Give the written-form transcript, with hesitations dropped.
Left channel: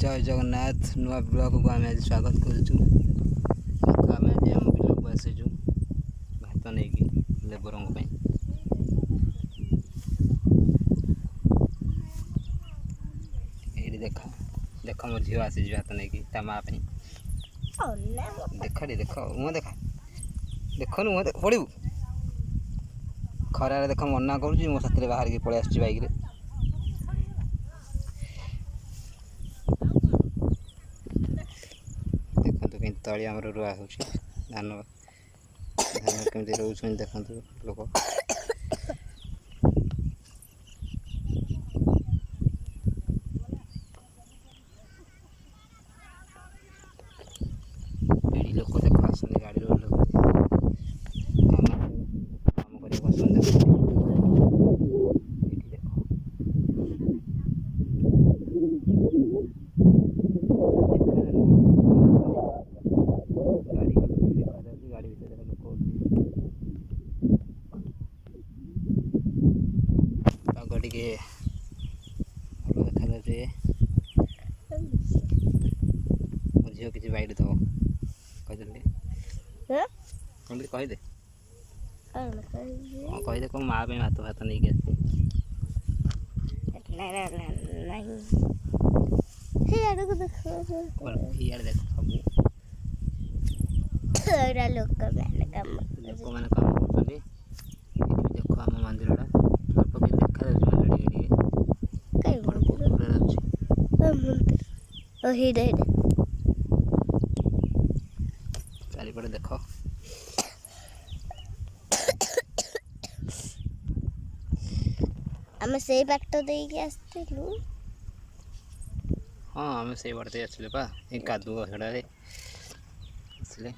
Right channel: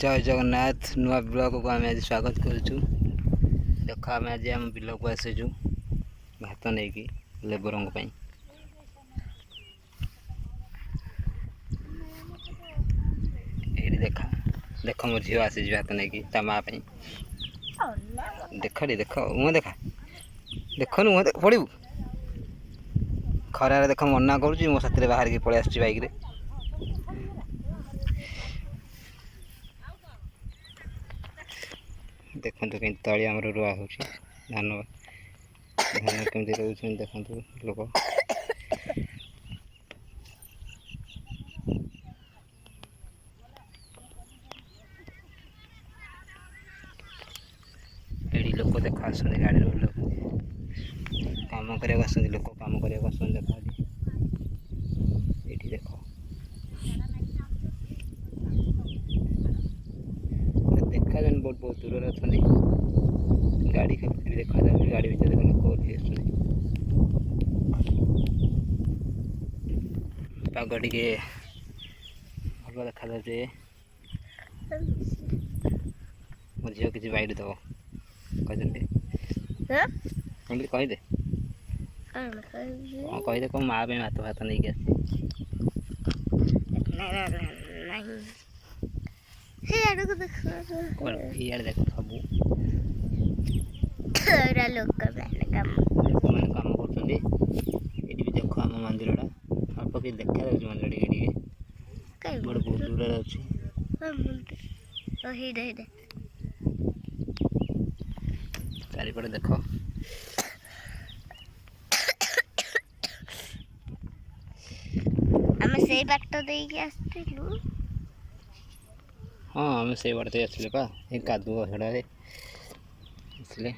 जय जगन्नाथ नुआ ब्लॉग को आम आज स्वागत करुचु। देख आम आज आम बिल को आसीचु भात नहीं कि लेबर ये देखा देख मो झील आसी भात नहीं कि माँ देख देख मुँह देखा देखनु मुँह पड़ू खरार देख मना करुच्ची मो साथ बाहर की पलि आस बाइक रे देखो कहीं तली आम रुआ हो धान धान केमती रोच देखो लोक ये लोक देख आस गाड़ी रोड काम करने आस लोक काम करने आस देख देखा गाड़ी का देखा गाड़ी भर लोक पाग टे भल देखा जाए मो झील किसी बाइट दब कहीदे कहीदे कौन माँ भात भात नहीं आसी देख सब लोक मैंने काम कर देख आम मंदिर अल्प कि देखा मंदिर बहुत दूर चारिपटे देख आम से बाट देके आसलु हाँ आम से बाटे आसले पा कादुआ हेड़े आसले